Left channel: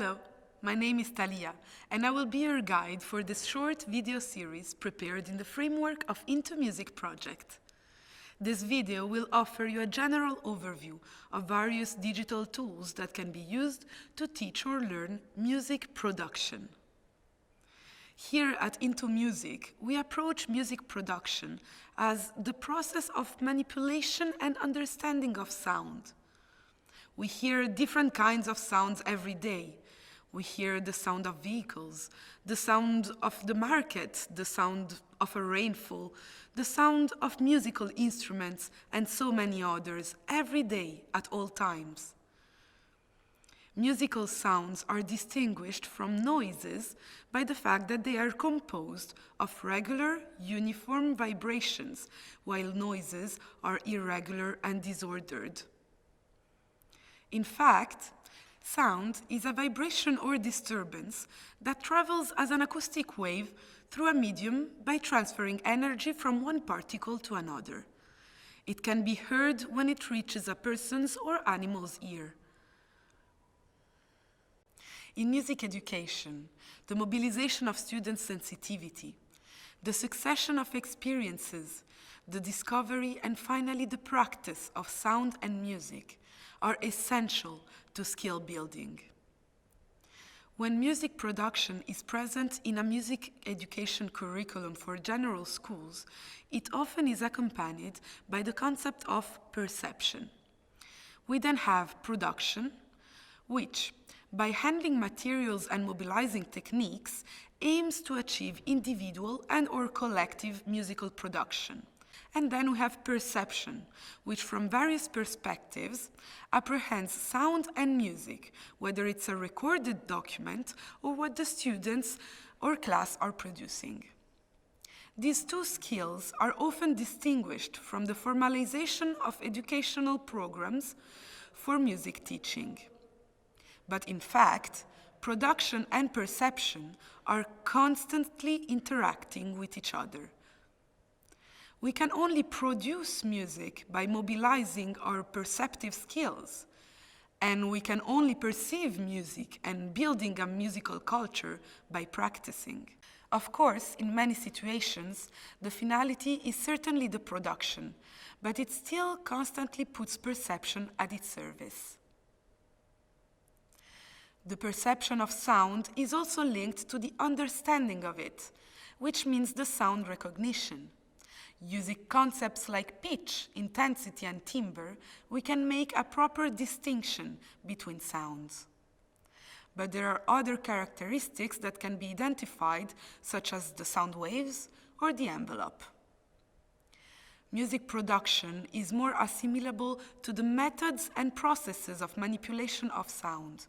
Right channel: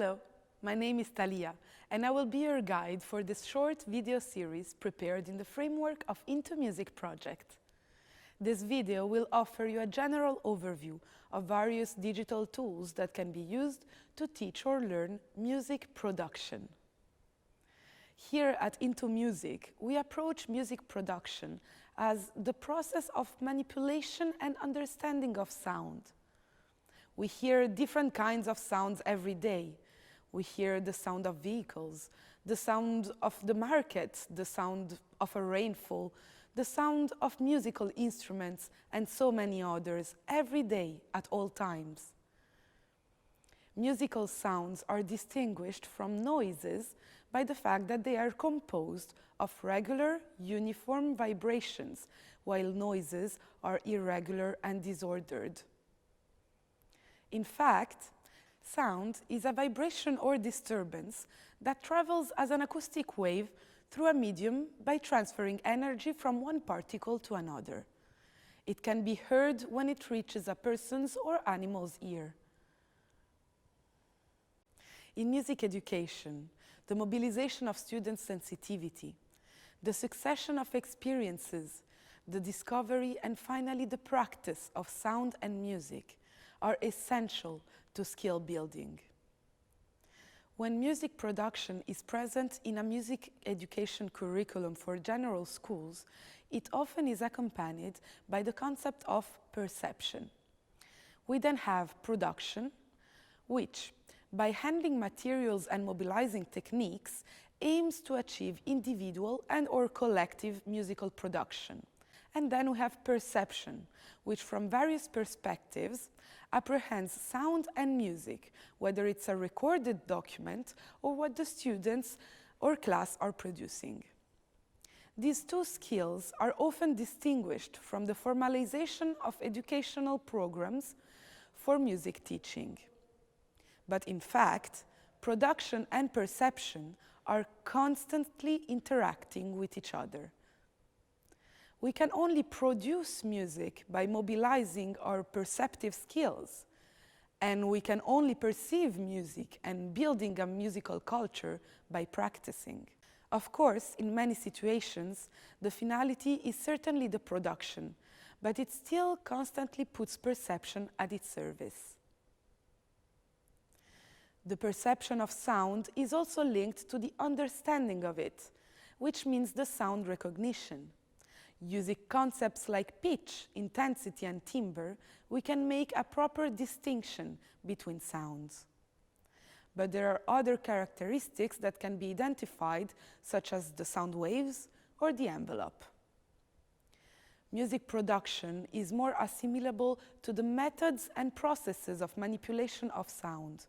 Hello, my name is Talia, and I will be your guide for this short video series prepared in the framework of intoMUSIC project. This video will offer you a general overview of various digital tools that can be used to teach or learn music production. Here at intoMUSIC, we approach music production as the process of manipulation and understanding of sound. We hear different kinds of sounds every day. We hear the sound of vehicles, the sound of the market, the sound of a rainfall, the sound of musical instruments, and so many others every day at all times. Musical sounds are distinguished from noises by the fact that they are composed of regular, uniform vibrations, while noises are irregular and disordered. In fact, sound is a vibration or disturbance that travels as an acoustic wave through a medium by transferring energy from one particle to another. It can be heard when it reaches a person's or animal's ear. In music education, the mobilization of students' sensitivity, the succession of experiences, the discovery and finally the practice of sound and music are essential to skill building. When music production is present in a music education curriculum for general schools, it often is accompanied by the concept of perception. We then have production, which, by handling materials and mobilizing techniques, aims to achieve individual and/or collective musical production. And then we have perception, which from various perspectives apprehends sound and music, whether it's a recorded document or what the students or class are producing. These two skills are often distinguished from the formalization of educational programs for music teaching. But in fact, production and perception are constantly interacting with each other. We can only produce music by mobilizing our perceptive skills, and we can only perceive music and building a musical culture by practicing. Of course, in many situations, the finality is certainly the production, but it still constantly puts perception at its service. The perception of sound is also linked to the understanding of it, which means the sound recognition. Using concepts like pitch, intensity, and timbre, we can make a proper distinction between sounds. But there are other characteristics that can be identified, such as the sound waves or the envelope. Music production is more assimilable to the methods and processes of manipulation of sound.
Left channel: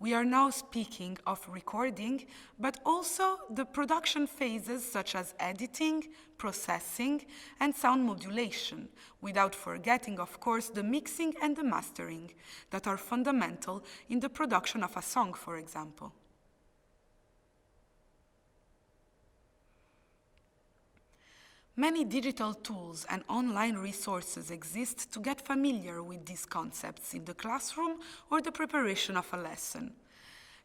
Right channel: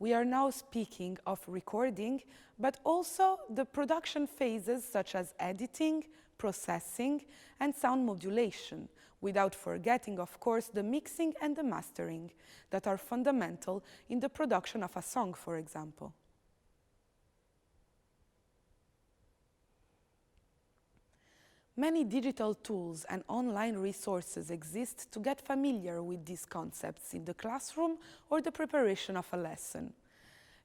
We are now speaking of recording, but also the production phases such as editing, processing, and sound modulation, without forgetting, of course, the mixing and the mastering that are fundamental in the production of a song, for example. Many digital tools and online resources exist to get familiar with these concepts in the classroom or the preparation of a lesson.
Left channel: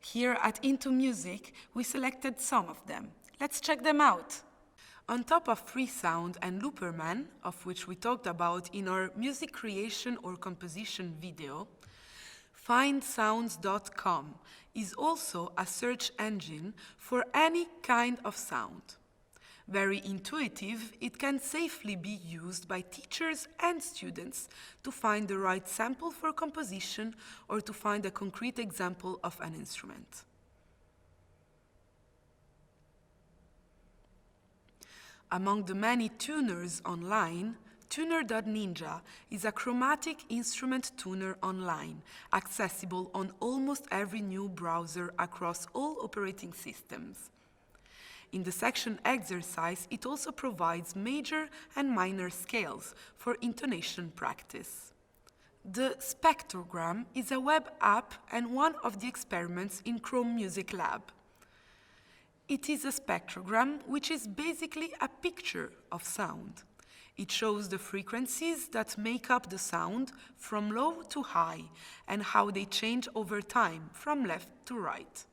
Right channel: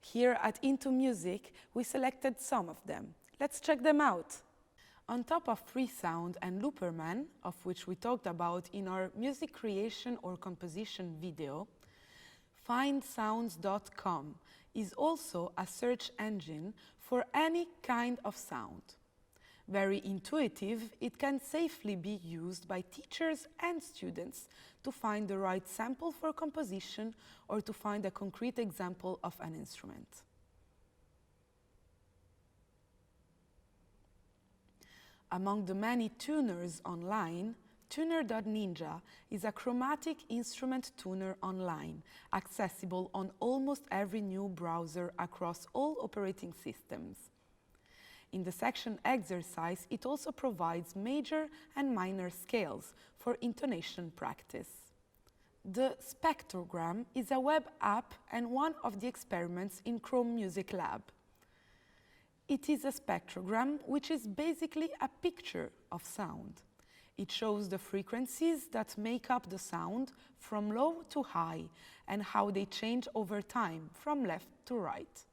Here at intoMUSIC, we selected some of them. Let's check them out. On top of Freesound and Looperman, of which we talked about in our music creation or composition video, findsounds.com is also a search engine for any kind of sound. Very intuitive, it can safely be used by teachers and students to find the right sample for composition or to find a concrete example of an instrument. Among the many tuners online, Tuner.ninja is a chromatic instrument tuner online, accessible on almost every new browser across all operating systems. In the section Exercise, it also provides major and minor scales for intonation practice. The Spectrogram is a web app and one of the experiments in Chrome Music Lab. It is a spectrogram which is basically a picture of sound. It shows the frequencies that make up the sound from low to high and how they change over time from left to right.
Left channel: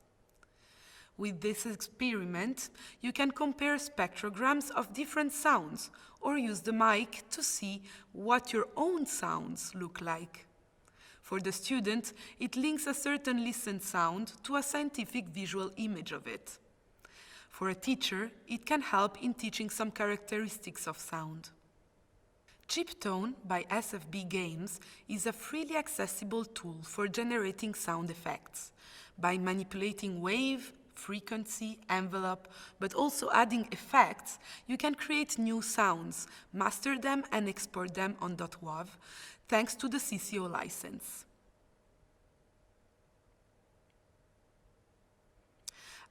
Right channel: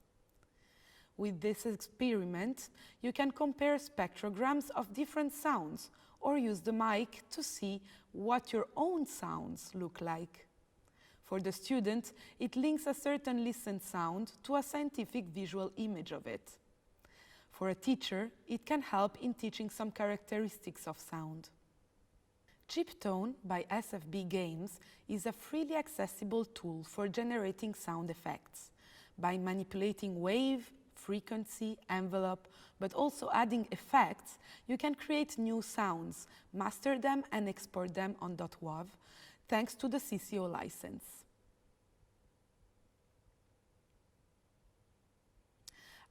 With this experiment, you can compare spectrograms of different sounds or use the mic to see what your own sounds look like. For the student, it links a certain listened sound to a scientific visual image of it. For a teacher, it can help in teaching some characteristics of sound. Chiptone by SFB Games is a freely accessible tool for generating sound effects. By manipulating wave, frequency, envelope, but also adding effects, you can create new sounds, master them and export them on .wav, thanks to the CCO license.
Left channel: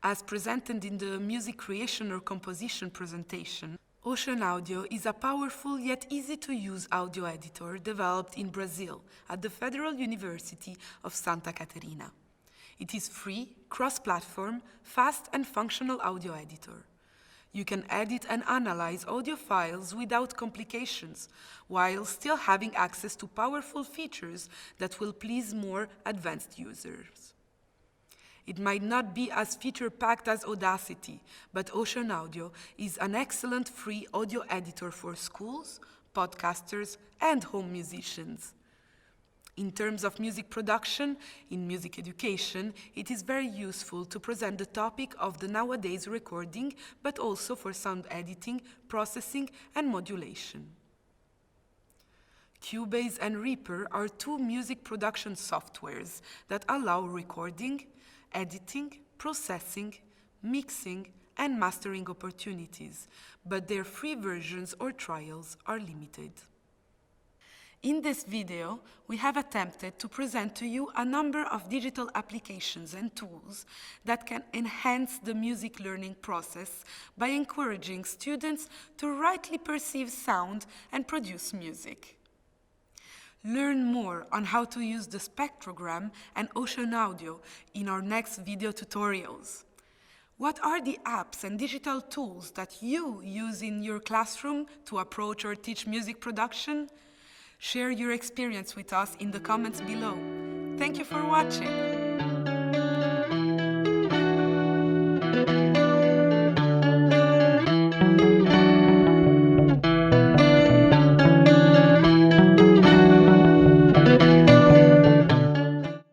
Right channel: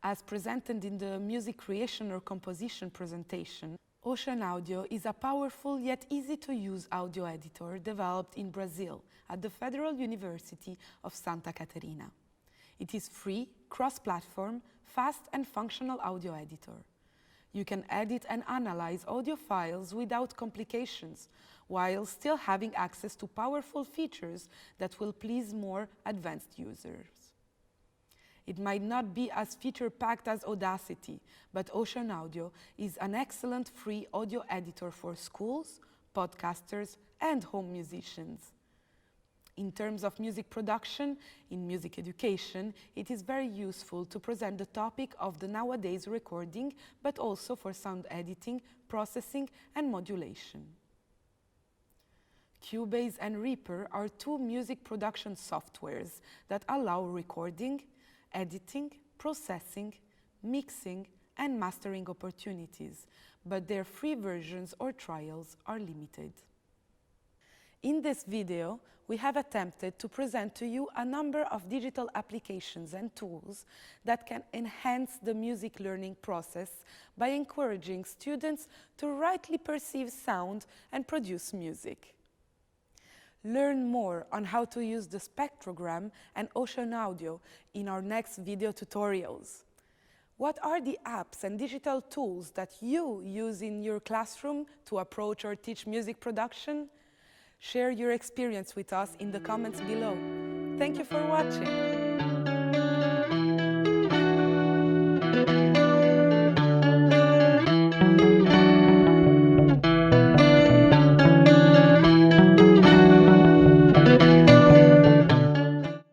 As presented in the music creation or composition presentation, Ocean Audio is a powerful yet easy-to-use audio editor developed in Brazil at the Federal University of Santa Catarina. It is free, cross-platform, fast and functional audio editor. You can edit and analyze audio files without complications, while still having access to powerful features that will please more advanced users. It might not be as feature-packed as Audacity, but Ocean Audio is an excellent free audio editor for schools, podcasters, and home musicians. In terms of music production, in music education, it is very useful to present the topic of the nowadays recording, but also for sound editing, processing, and modulation. Cubase and Reaper are two music production softwares that allow recording, editing, processing, mixing, and mastering opportunities, but their free versions or trials are limited. In this video, we have attempted to present to you a number of digital applications and tools that can enhance the music learning process by encouraging students to rightly perceive sound and produce music. Learn more on how to use the Spectrogram and Ocean Audio in our next video tutorials. What are the apps and digital tools that you use in your classroom to approach or teach music production? Share your experience with us in the comments below. Thank you for watching.